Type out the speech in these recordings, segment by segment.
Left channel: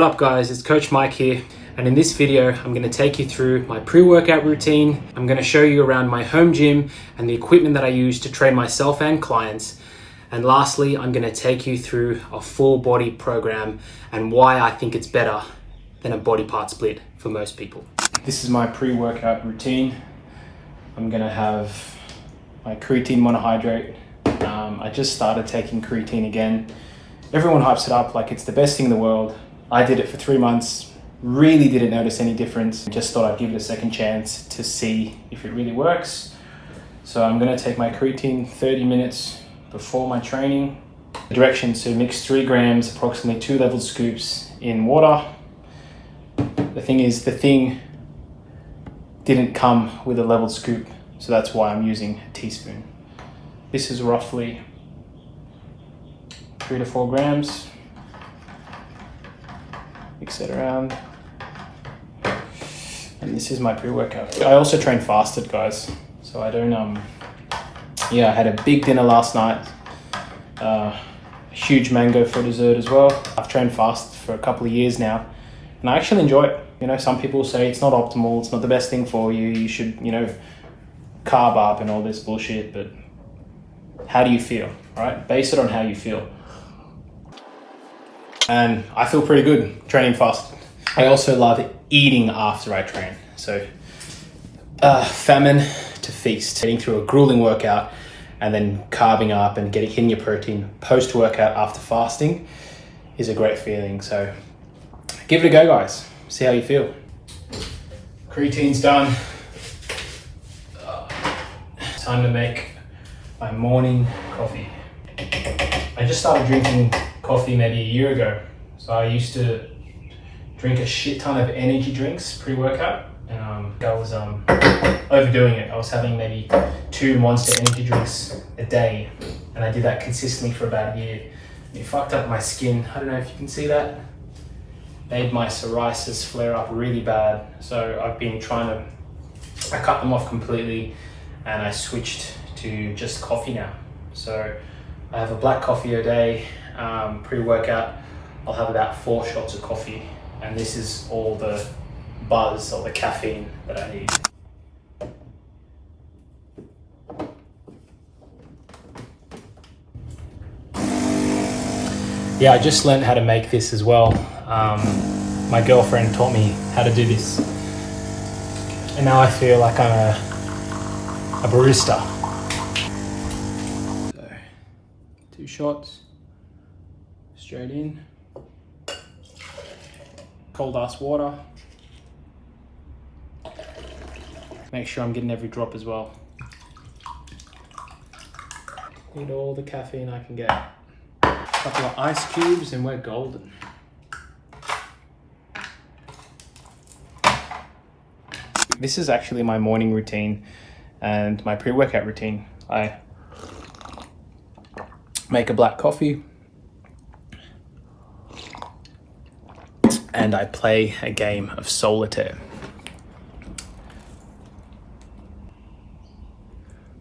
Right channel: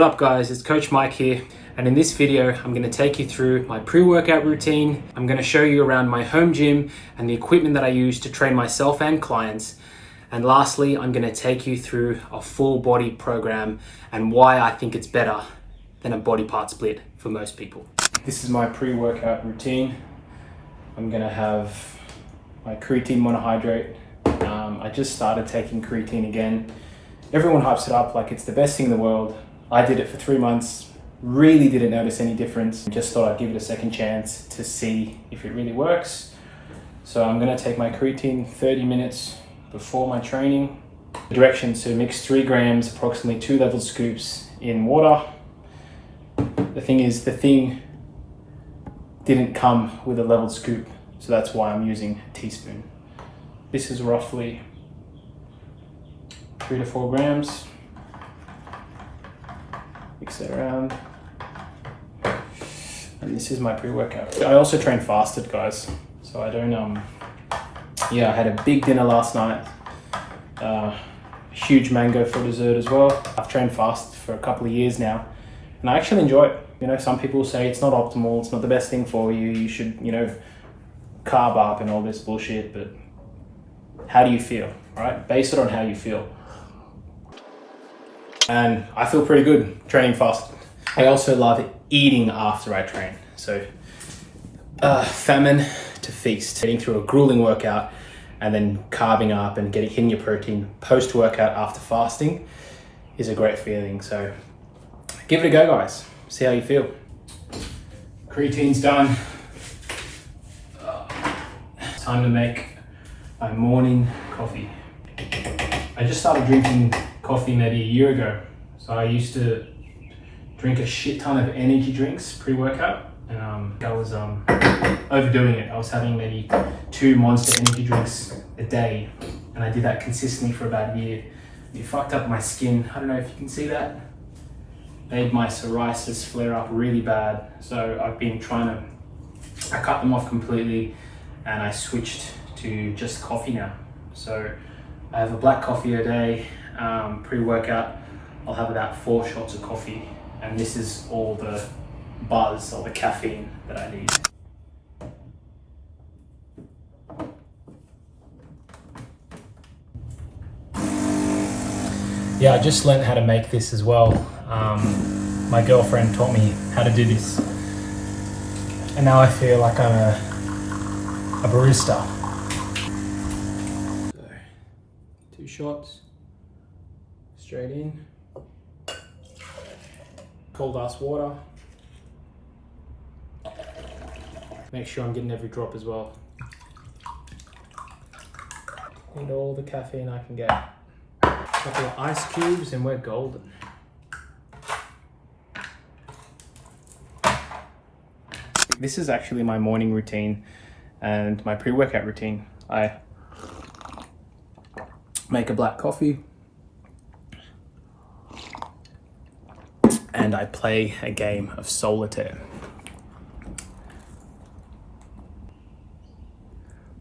What up guys, it's Coach Mike here, and in this video I'm going to take you through my pre-workout routine. I'm going to show you around my home gym and the equipment that I use to train myself and clients. And lastly, I'm going to take you through a full body program and why I think it's better than a body part split for most people. This is my pre-workout routine. I'm going to have my creatine monohydrate. I just started taking creatine again. Everyone hypes it up like it's the best thing in the world. I did it for 3 months, really didn't notice any difference. Just thought I'd give it a second chance to see if it really works. So I'm gonna take my creatine 30 minutes before my training. The directions to mix 3 grams, approximately 2 level scoops in water. The thing is, the thing didn't come with a leveled scoop, so that's why I'm using a teaspoon. This is roughly 3 to 4 grams. Mix it around. And this is my pre-workout. I also train fasted, guys. So I don't, I had a big dinner last night. A huge mango for dessert as well. I've trained fast for a couple of years now, and I actually enjoy it. You know, some people say it's not optimal, it's not the best thing for you, you should, carb up and all this bullshit, but how do you feel, right? Base it on how you feel. And I feel pretty good training fast. I also love eating after I train. So famine to feast, getting through a grueling workout and then carving up and hitting your protein post-workout after fasting is a great feeling. So give it a go, guys. See how you feel. Creatine's done. Time to make my morning coffee. I just started drinking coffee maybe a year ago. So I used to drink a shit ton of energy drinks pre-workout, and I was overdoing it. I was having maybe 2 Monster energy drinks a day, and I did that consistently for about a year. It fucked up my skin. I don't know if you can see that. Made my psoriasis flare up really bad. So I've been I cut them off completely, and I switched to just coffee now. So I have a black coffee a day. Pre-workout, I'll have about 4 shots of coffee, and this is all the buzz or the caffeine that I need. Yeah, I just learned how to make this as well. My girlfriend taught me how to do this, and now I feel like I'm a barista. So, 2 shots. Straight in. Cold ass water. Make sure I'm getting every drop as well. Need all the caffeine I can get. A couple of ice cubes and we're golden. This is actually my morning routine and my pre-workout routine. I make a black coffee, and I play a game of solitaire.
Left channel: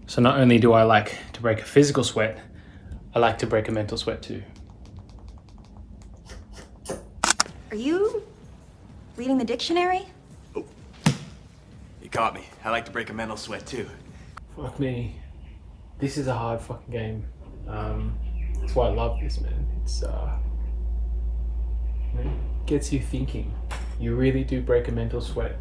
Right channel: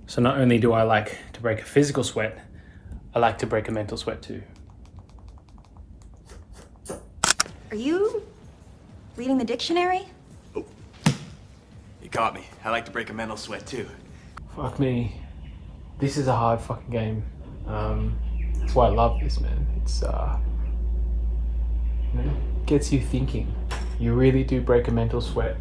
So not only do I like to break a physical sweat, I like to break a mental sweat too. Are you reading the dictionary? Oh, you caught me. I like to break a mental sweat too. Fuck me. This is a hard fucking game. That's why I love this, man. It's gets you thinking. You really do break a mental sweat.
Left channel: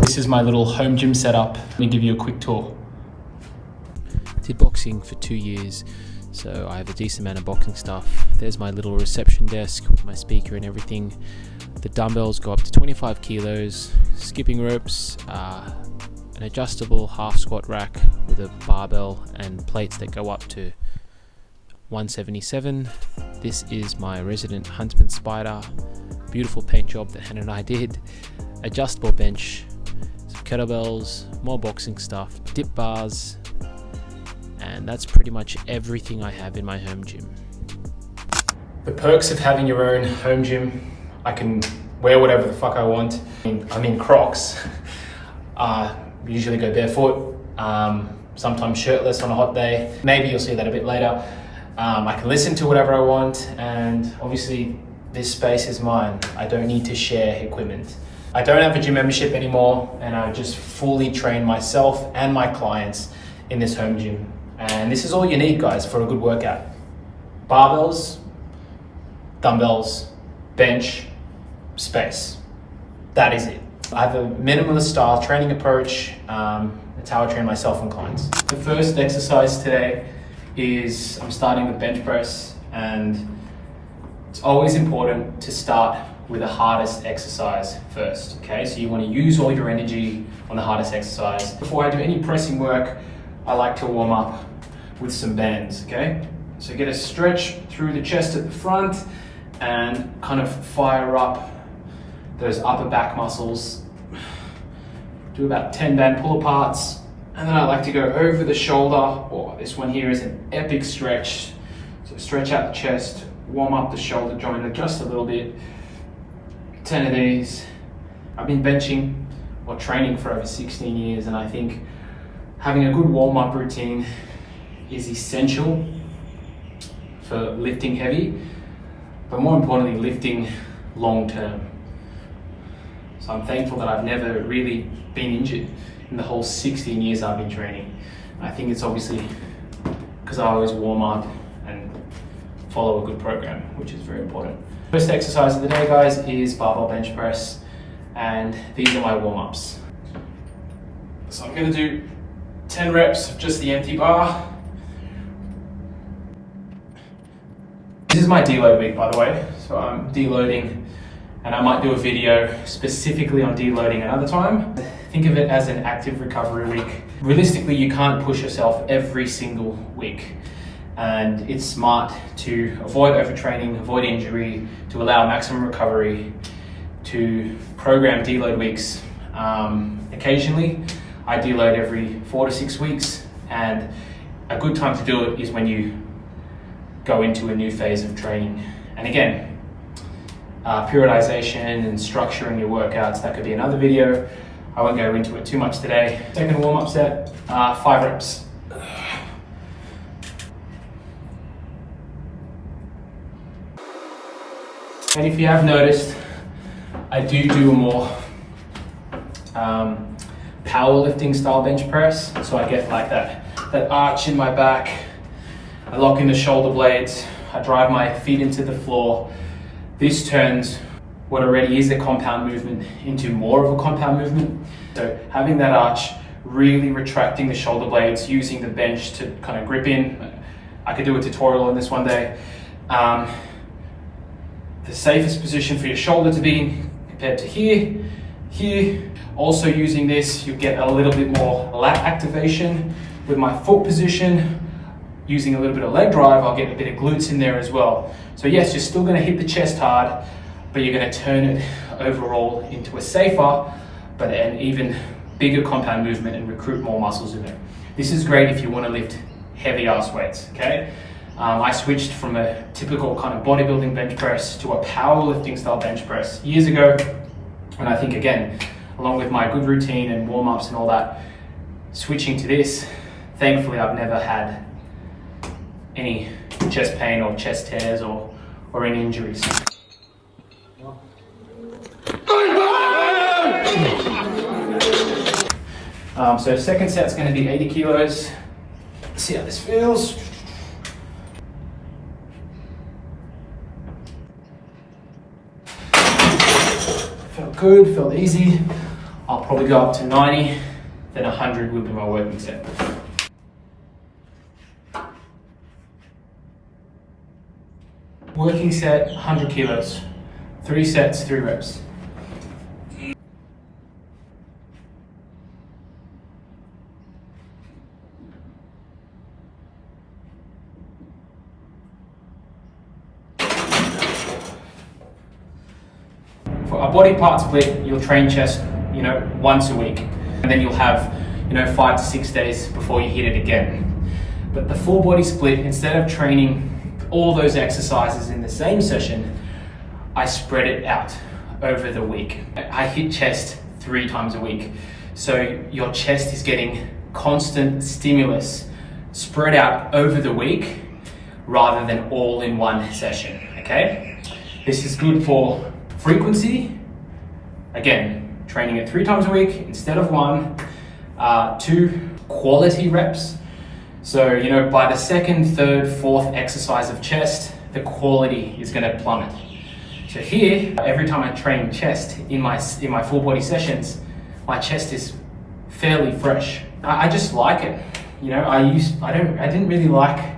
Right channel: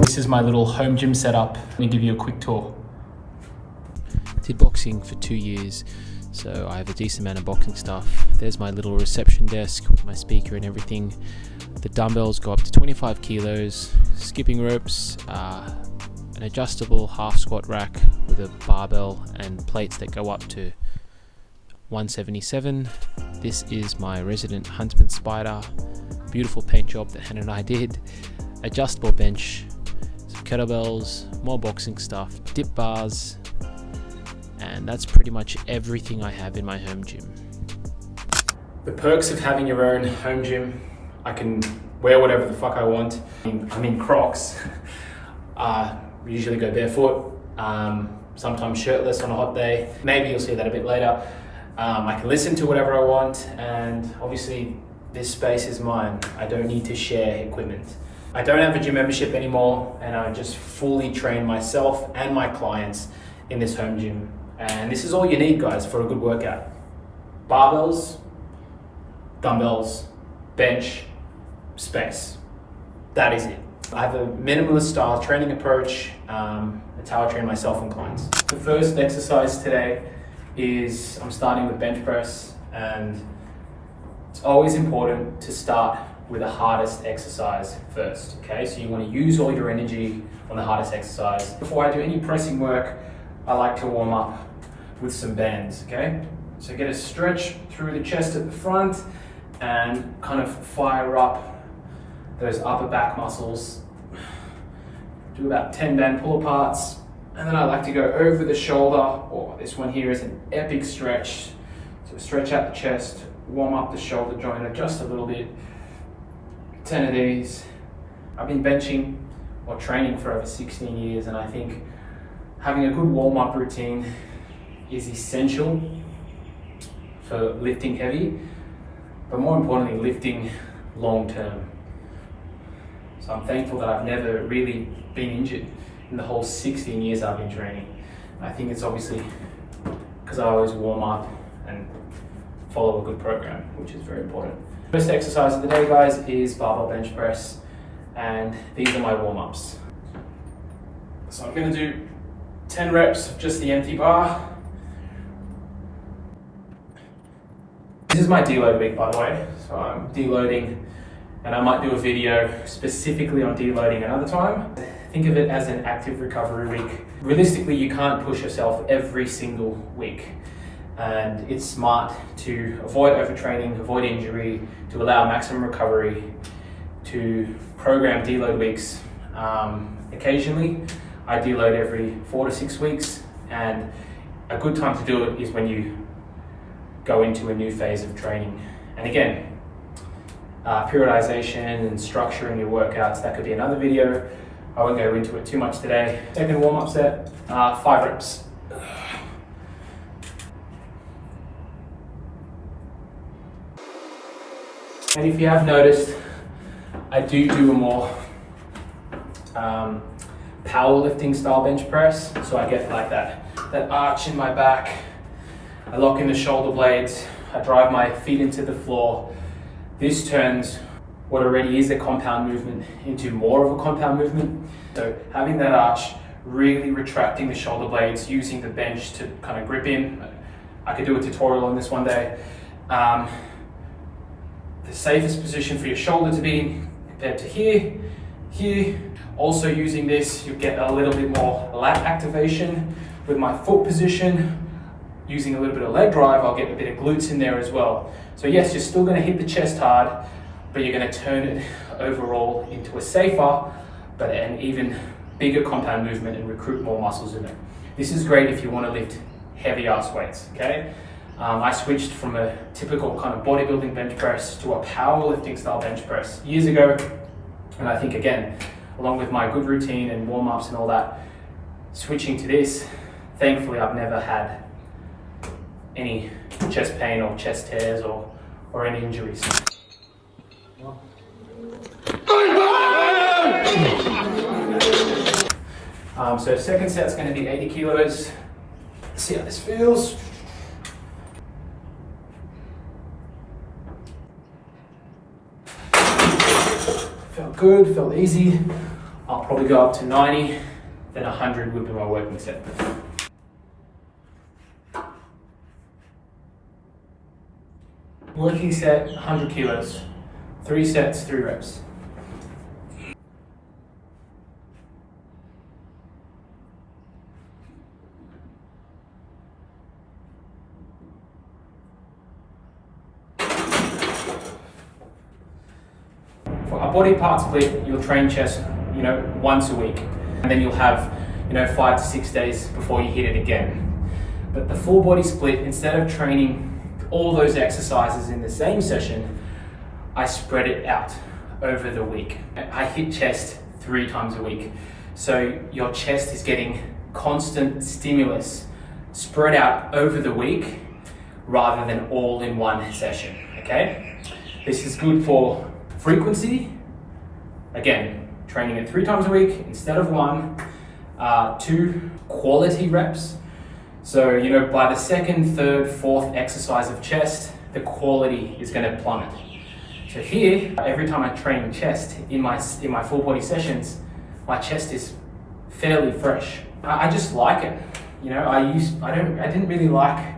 This is my little home gym setup. Let me give you a quick tour. Did boxing for 2 years, so I have a decent amount of boxing stuff. There's my little reception desk with my speaker and everything. The dumbbells go up to 25 kilos, skipping ropes, an adjustable half squat rack with a barbell and plates that go up to 177. This is my Resident Huntsman Spider, beautiful paint job that Hannah and I did. Adjustable bench, some kettlebells, more boxing stuff, dip bars, and that's pretty much everything I have in my home gym. The perks of having your own home gym: I can wear whatever the fuck I want. I'm in Crocs. We usually go barefoot, sometimes shirtless on a hot day. Maybe you'll see that a bit later. I can listen to whatever I want, and obviously this space is mine. I don't need to share equipment. I don't have a gym membership anymore, and I just fully train myself and my clients in this home gym. And this is all you need, guys, for a good workout. Barbells, dumbbells, bench, space. That is it. I have a minimalist style training approach. That's how I train myself and clients. The first exercise today is I'm starting with bench press, and it's always important to start with the hardest exercise first, okay? So you want to use all your energy on the hardest exercise. Before I do any pressing work, I like to warm up with some bands, okay? So get a stretch through the chest at the front and kind of fire up those upper back muscles. Do about 10 band pull aparts, and then I like to go over the shoulder. Oh, this one here is an epic stretch. So stretch out the chest, warm up the shoulder joint just a little bit. 10 of these. I've been benching or training for over 16 years, and I think having a good warm-up routine is essential for lifting heavy, but more importantly, lifting long-term. So I'm thankful that I've never really been injured in the whole 16 years I've been training. I think it's obviously because I always warm up and follow a good program, which is very important. First exercise of the day, guys, is barbell bench press, and these are my warm-ups. So I'm going to do 10 reps of just the empty bar. This is my deload week, by the way, so I'm deloading, and I might do a video specifically on deloading another time. Think of it as an active recovery week. Realistically, you can't push yourself every single week, and it's smart to avoid overtraining, avoid injury, to allow maximum recovery, to program deload weeks. Occasionally, I deload every 4 to 6 weeks, and a good time to do it is when you go into a new phase of training. And again, periodization and structuring your workouts, that could be another video. I won't go into it too much today. Second warm-up set, 5 reps. And if you have noticed, I do a more powerlifting style bench press. So I get like that arch in my back. I lock in the shoulder blades. I drive my feet into the floor. This turns what already is a compound movement into more of a compound movement. So having that arch, really retracting the shoulder blades, using the bench to kind of grip in. I could do a tutorial on this one day. The safest position for your shoulder to be in compared to here. Also using this, you get a little bit more lat activation. With my foot position, using a little bit of leg drive, I'll get a bit of glutes in there as well. So yes, you're still gonna hit the chest hard, but you're gonna turn it overall into a safer, but an even bigger compound movement and recruit more muscles in it. This is great if you wanna lift heavy ass weights, okay? I switched from a typical kind of bodybuilding bench press to a powerlifting style bench press years ago. And I think, again, along with my good routine and warm-ups and all that, switching to this, thankfully I've never had any chest pain or chest tears or any injuries. So second set's going to be 80 kilos. Let's see how this feels. Felt good, felt easy. I'll probably go up to 90, then 100 would be my working set. Working set, 100 kilos. 3 sets, 3 reps. For a body part split, you'll train chest, once a week, and then you'll have, 5 to 6 days before you hit it again. But the full body split, instead of training all those exercises in the same session, I spread it out over the week. I hit chest 3 times a week. So your chest is getting constant stimulus spread out over the week rather than all in one session, okay? This is good for frequency. Again, training it 3 times a week instead of 1. 2, quality reps. So, you know, by the 2nd, 3rd, 4th exercise of chest, the quality is going to plummet. So here, every time I train chest in my full body sessions, my chest is fairly fresh. I just like it. You know, I didn't really like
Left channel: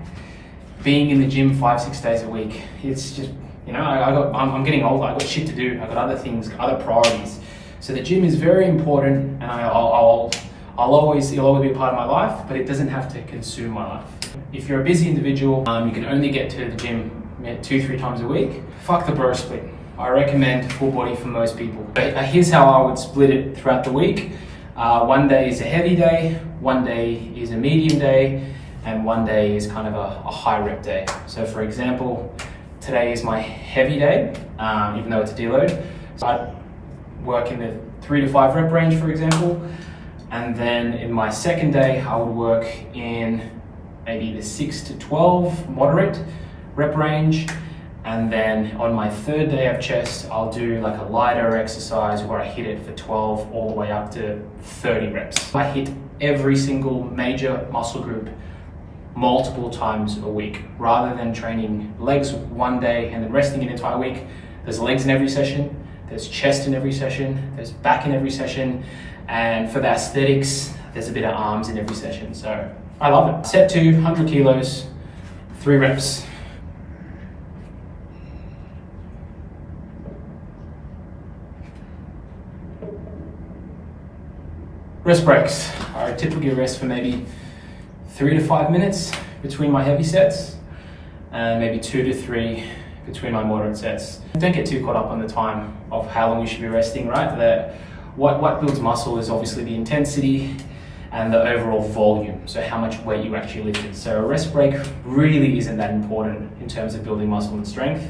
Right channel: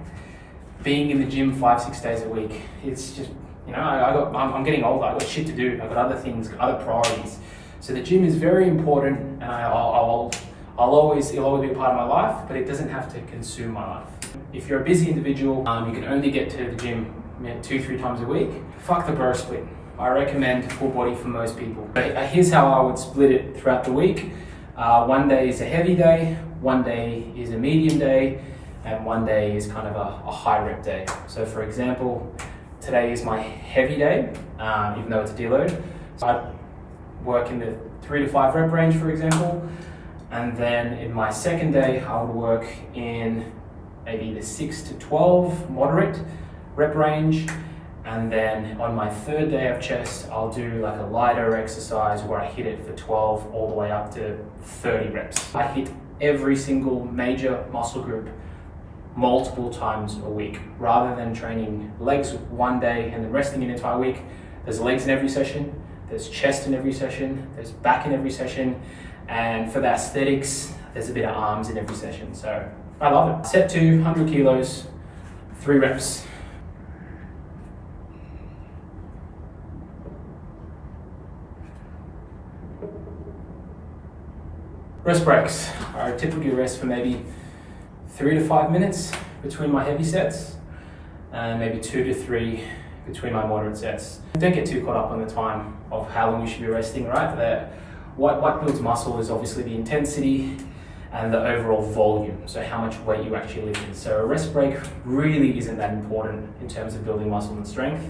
being in the gym 5-6 days a week. It's just, you know, I'm getting older. I got shit to do. I got other things, other priorities. So the gym is very important, and it'll always be a part of my life, but it doesn't have to consume my life. If you're a busy individual, you can only get to the gym 2-3 times a week. Fuck the bro split. I recommend full body for most people. But here's how I would split it throughout the week. One day is a heavy day, one day is a medium day, and one day is kind of a high rep day. So for example, today is my heavy day, even though it's a deload. So I work in the 3 to 5 rep range, for example. And then in my second day, I would work in maybe the 6 to 12 moderate rep range. And then on my third day of chest, I'll do like a lighter exercise where I hit it for 12 all the way up to 30 reps. I hit every single major muscle group multiple times a week, rather than training legs one day and then resting an entire week. There's legs in every session, there's chest in every session, there's back in every session, and for the aesthetics, there's a bit of arms in every session. So I love it. Set 2, 100 kilos, 3 reps. Rest breaks. I typically rest for maybe 3 to 5 minutes between my heavy sets, and maybe 2 to 3 between my moderate sets. Don't get too caught up on the time of how long you should be resting, right? What builds muscle is obviously the intensity and the overall volume, so how much weight you actually lifted. So a rest break really isn't that important in terms of building muscle and strength.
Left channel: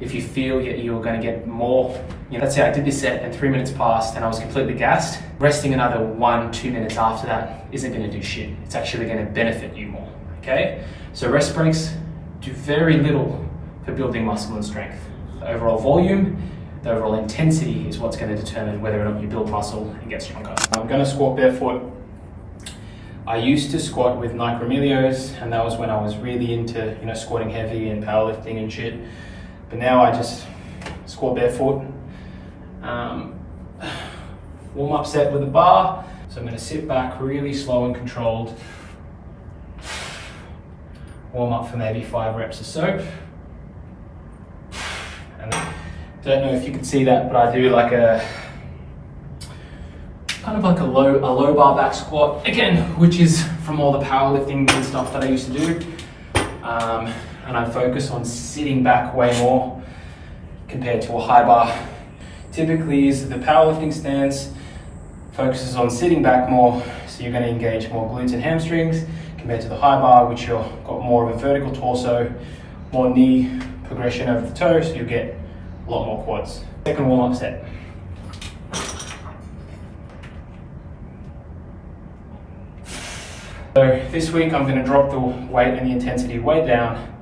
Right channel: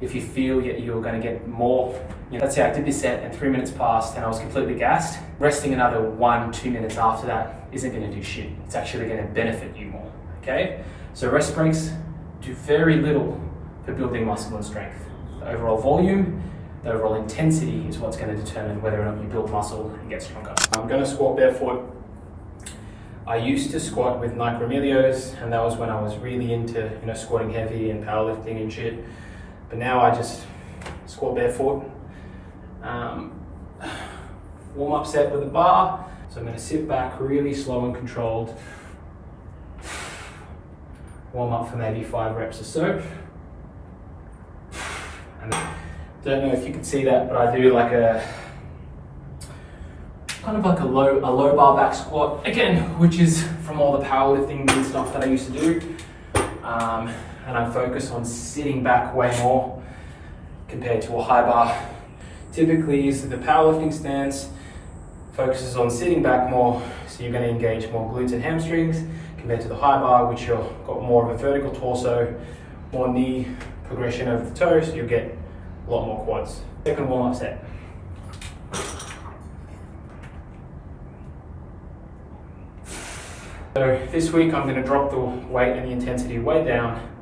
If you feel you're going to get more, let's say I did this set and 3 minutes passed and I was completely gassed, resting another 1-2 minutes after that isn't going to do shit. It's actually going to benefit you more, okay? So rest breaks do very little for building muscle and strength. The overall volume, the overall intensity is what's going to determine whether or not you build muscle and get stronger. I'm going to squat barefoot. I used to squat with Nike Remilios, and that was when I was really into, squatting heavy and powerlifting and shit. But now I just squat barefoot. Warm up set with a bar. So I'm going to sit back really slow and controlled. Warm up for maybe 5 reps or so. And then, don't know if you can see that, but I do like a kind of like a low bar back squat again, which is from all the powerlifting and stuff that I used to do. And I focus on sitting back way more compared to a high bar. Typically is the powerlifting stance focuses on sitting back more, so you're going to engage more glutes and hamstrings compared to the high bar, which you've got more of a vertical torso, more knee progression over the toe, so you'll get a lot more quads. Second warm-up set. So this week I'm going to drop the weight and the intensity way down.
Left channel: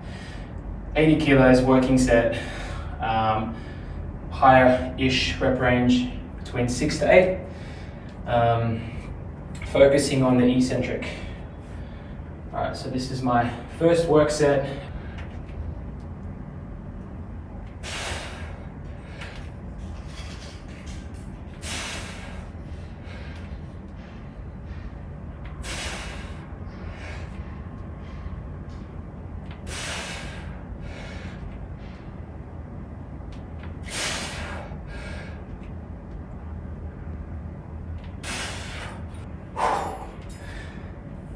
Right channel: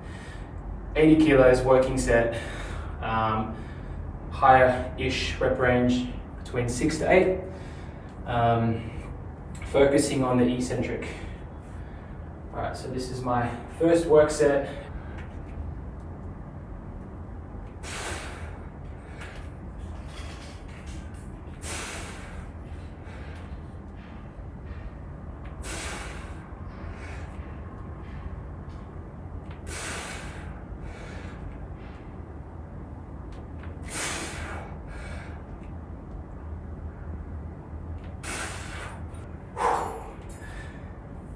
80 kilos working set, higher-ish rep range between 6 to 8, focusing on the eccentric. All right, so this is my first work set.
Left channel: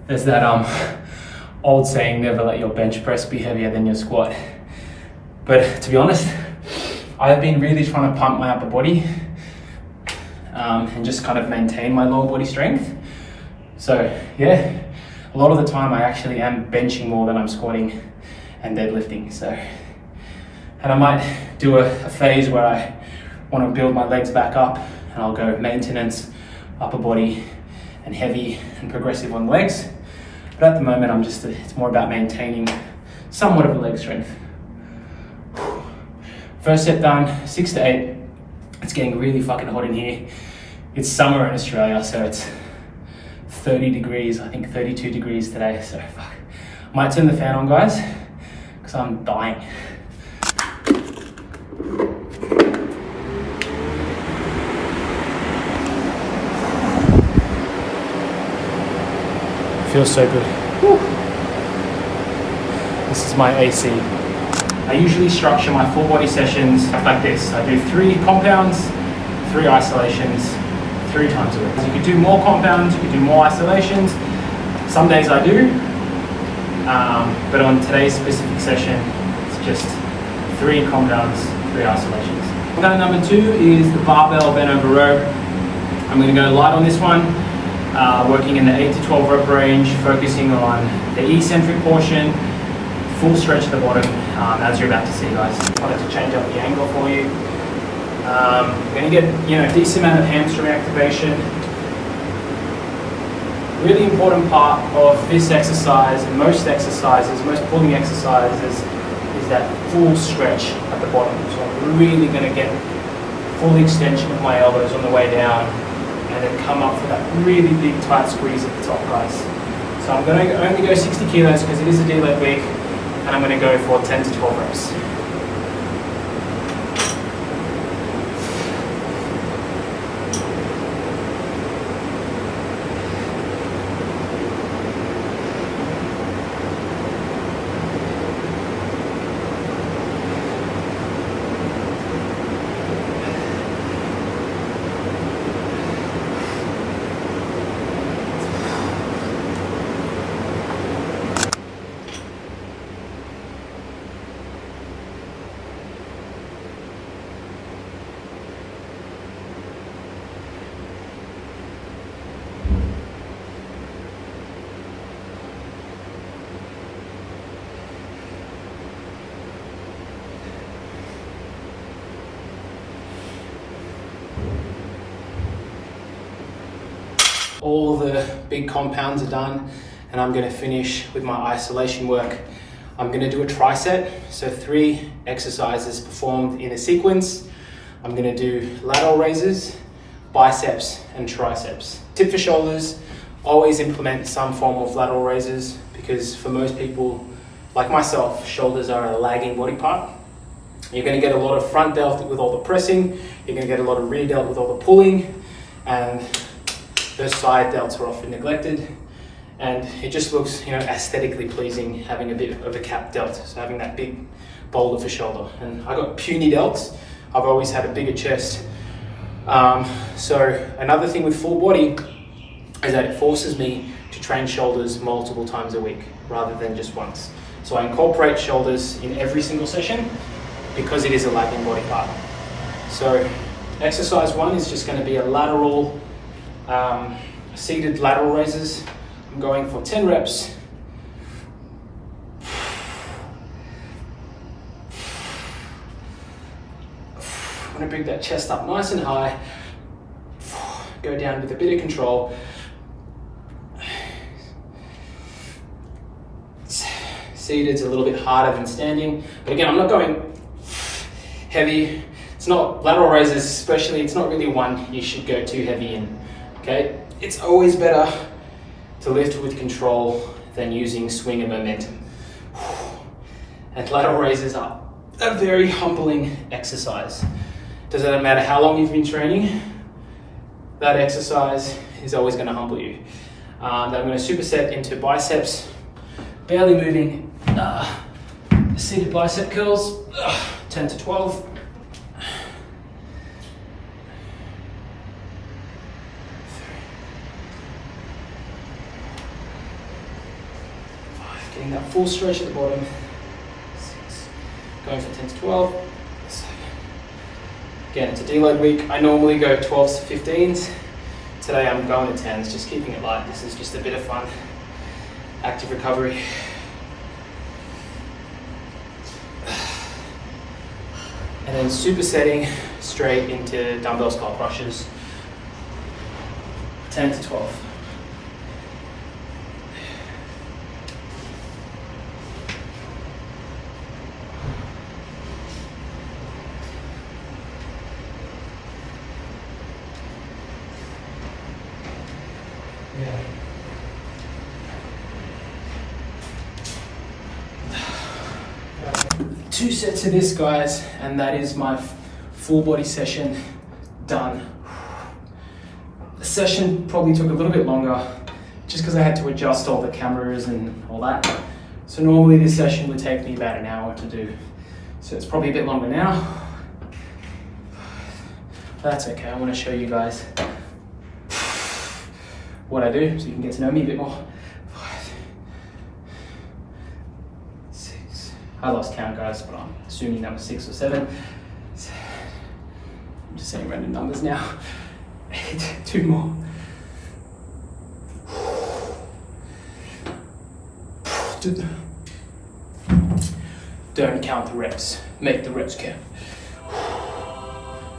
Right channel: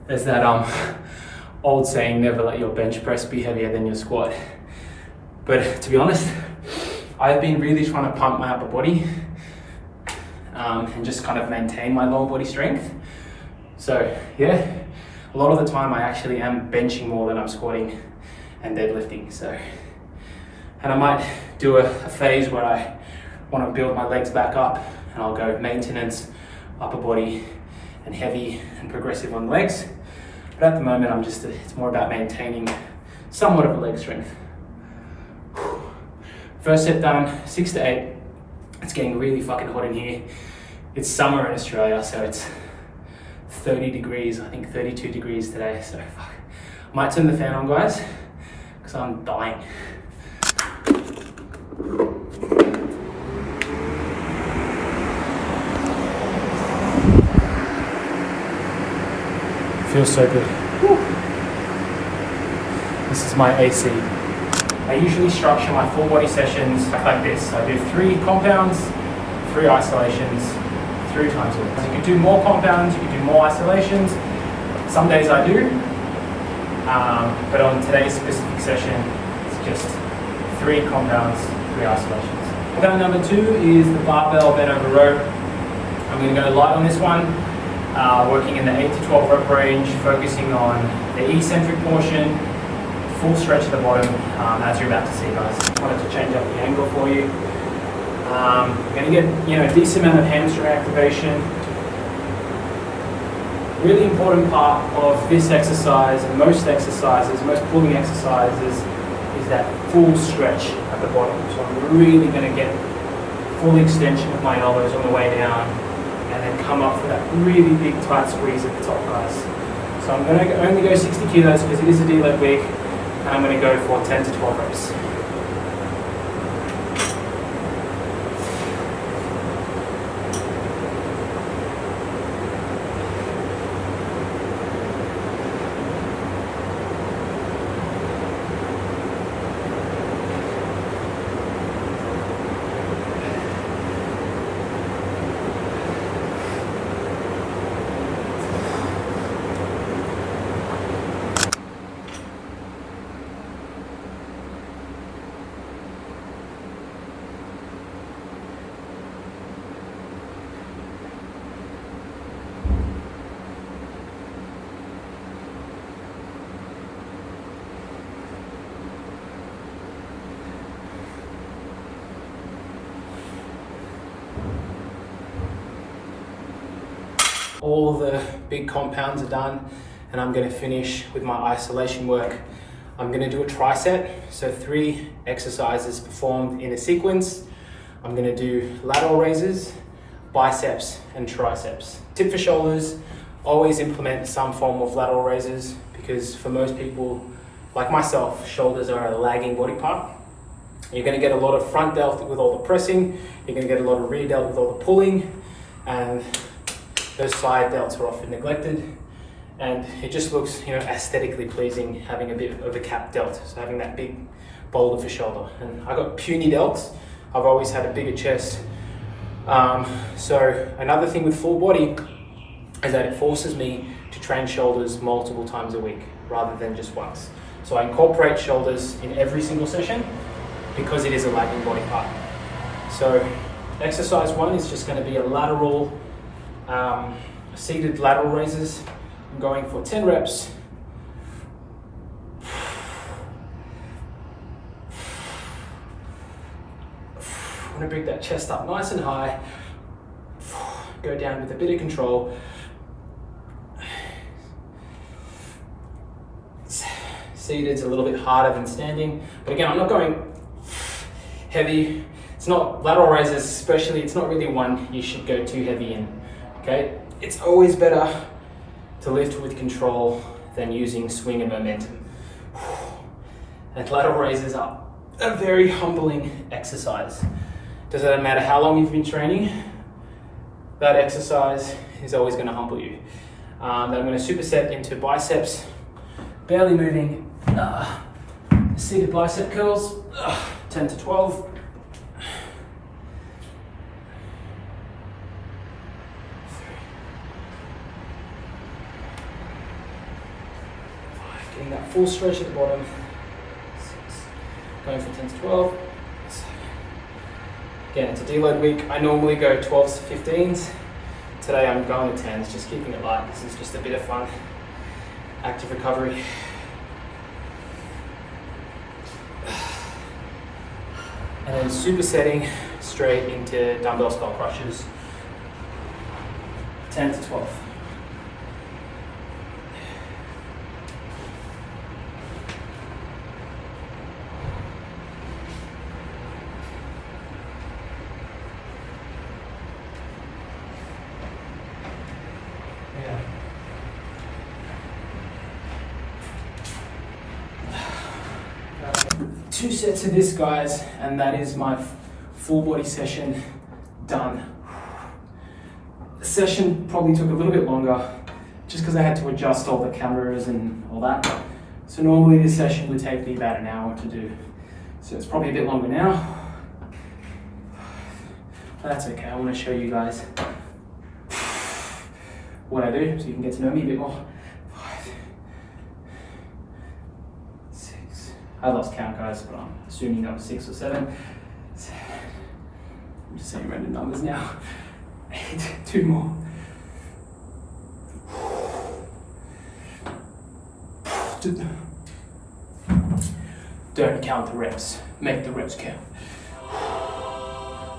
There's that old saying, never let your bench press be heavier than your squat. But to be honest, I've been really trying to pump my upper body and just kind of maintain my lower body strength. So yeah, a a lot of the time I actually am benching more than I'm squatting and deadlifting. So, and I might do a phase where I want to build my legs back up, and I'll go maintenance, upper body, and heavy and progressive on legs. But at the moment, it's more about maintaining somewhat of a leg strength. First set done, 6 to 8. It's getting really fucking hot in here. It's summer in Australia, so it's 30 degrees, I think 32 degrees today. So fuck. I might turn the fan on, guys, because I'm dying. Feels so good. Whew. This is my AC. I usually structure my full body sessions like this. I do 3 compounds, 3 isolations, 3 times a week. You could do more compounds, you could do more isolations. Some days I do, but on today's specific session, it's just 3 compounds, 3 isolations. Compound number 2 is the barbell bent over row. I'm going to go light on this one, working in the 8 to 12 rep range, focusing on the eccentric portion, full stretch at the bottom, as you're about to see, guys. I wanted to change up the angle for you. You're going to get, a decent amount of hamstring activation. Really important part of this exercise and most exercises, most pulling exercises, is that full stretch at the bottom. So I'm really going to get full extension of my elbows on the way down, and then come up for that really big tight squeeze at the top, guys. So I'm going to only go 60 kilos because it is a deload week, and I'm going to go for 10 to 12 reps. All the big compounds are done, and I'm going to finish with my isolation work. I'm going to do a tricep, so 3 exercises performed in a sequence. I'm going to do lateral raises, biceps, and triceps. Tip for shoulders, always implement some form of lateral raises, because for most people, like myself, shoulders are a lagging body part. You're going to get a lot of front delt with all the pressing, you're going to get a lot of rear delt with all the pulling, and those side delts are often neglected, and it just looks, aesthetically pleasing having a bit of a cap delt, so having that big boulder for shoulder. And I got puny delts. I've always had a bigger chest. So another thing with full body is that it forces me to train shoulders multiple times a week rather than just once. So I incorporate shoulders in every single session because it is a lagging body part. So exercise 1 is just going to be a lateral seated lateral raises. I'm going for 10 reps. I'm going to bring that chest up nice and high. Go down with a bit of control. Seated's a little bit harder than standing, but again, I'm not going heavy. It's not lateral raises, especially. It's not really one you should go too heavy in. Okay, it's always better to lift with control than using swing and momentum. And lateral raises are a very humbling exercise. Doesn't matter how long you've been training, that exercise is always going to humble you. Then I'm going to superset into biceps, barely moving, seated bicep curls, 10 to 12. Getting that full stretch at the bottom. 6. Going for 10 to 12. 7. Again, it's a deload week. I normally go 12s to 15s. Today I'm going to 10s, just keeping it light. This is just a bit of fun. active recovery. And then supersetting straight into dumbbell skull crushes. 10 to 12. Two sets of this, guys, and that is my full body session done. The session probably took a little bit longer just because I had to adjust all the cameras and all that. So normally this session would take me about an hour to do. So it's probably a bit longer now. But that's okay, I want to show you guys what I do so you can get to know me a bit more. 5, 6, I lost count, guys, but I'm assuming that was 6 or 7. 7. I'm just saying random numbers now. 8, 2 more. Don't count the reps, make the reps count.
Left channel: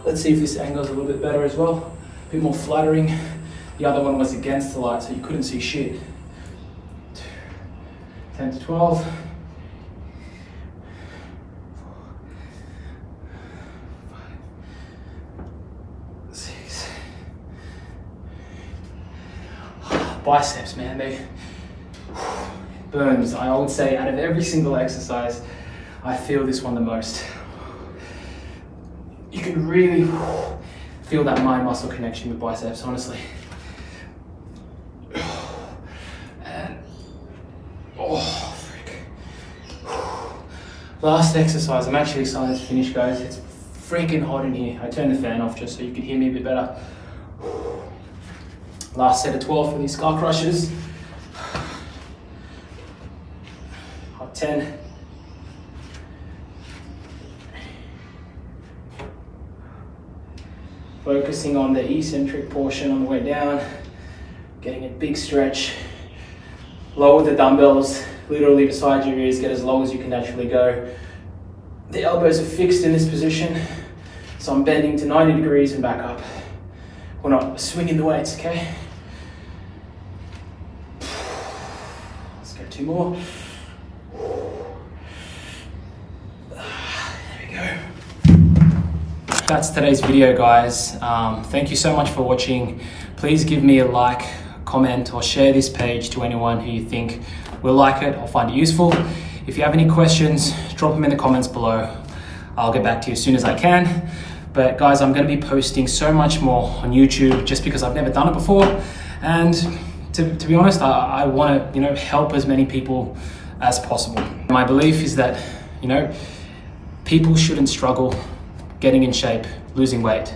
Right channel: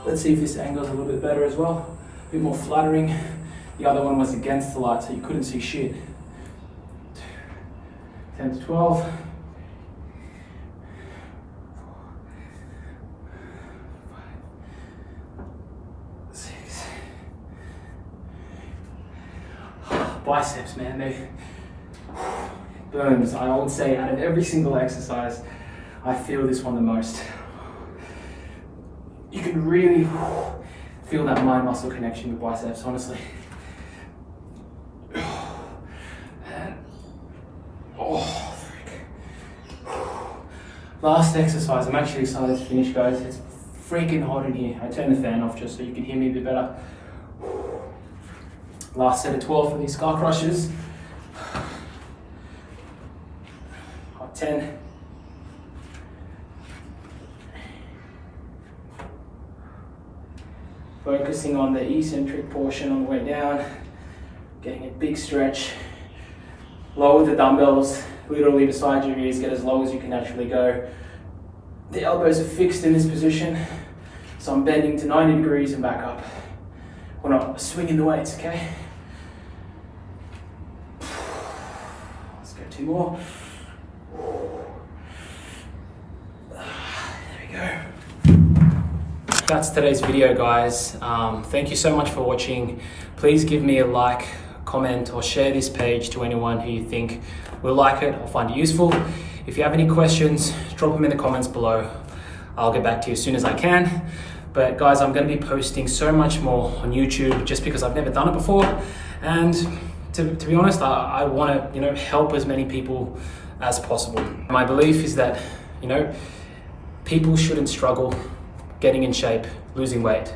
Let's see if this angle's a little bit better as well. A bit more flattering. The other one was against the light, so you couldn't see shit. 10 to 12. 6. Biceps, man, they burns. I would say out of every single exercise, I feel this one the most. You can really feel that mind muscle connection with biceps, honestly. And frick. Last exercise, I'm actually excited to finish, guys. It's freaking hot in here. I turned the fan off just so you could hear me a bit better. Last set of 12 for these skull crushers. Hot 10. Focusing on the eccentric portion on the way down, getting a big stretch. Lower the dumbbells, literally beside your ears, get as low as you can naturally go. The elbows are fixed in this position, so I'm bending to 90 degrees and back up. We're not swinging the weights, okay? Let's go 2 more. There we go. That's today's video, guys. Thank you so much for watching. Please give me a like, comment, or share this page to anyone who you think will like it or find it useful. If you have any questions, drop them in the comments below. I'll get back to you as soon as I can. But guys, I'm going to be posting so much more on YouTube just because I've never done it before. And to be honest, I want to, help as many people as possible. My belief is that, people shouldn't struggle getting in shape, losing weight.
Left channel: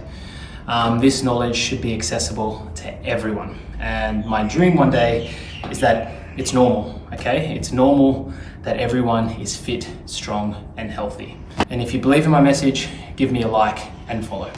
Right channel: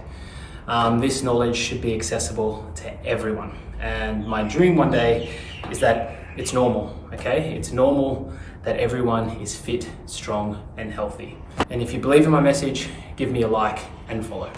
This knowledge should be accessible to everyone. And my dream one day is that it's normal, okay? It's normal that everyone is fit, strong, and healthy. And if you believe in my message, give me a like and follow.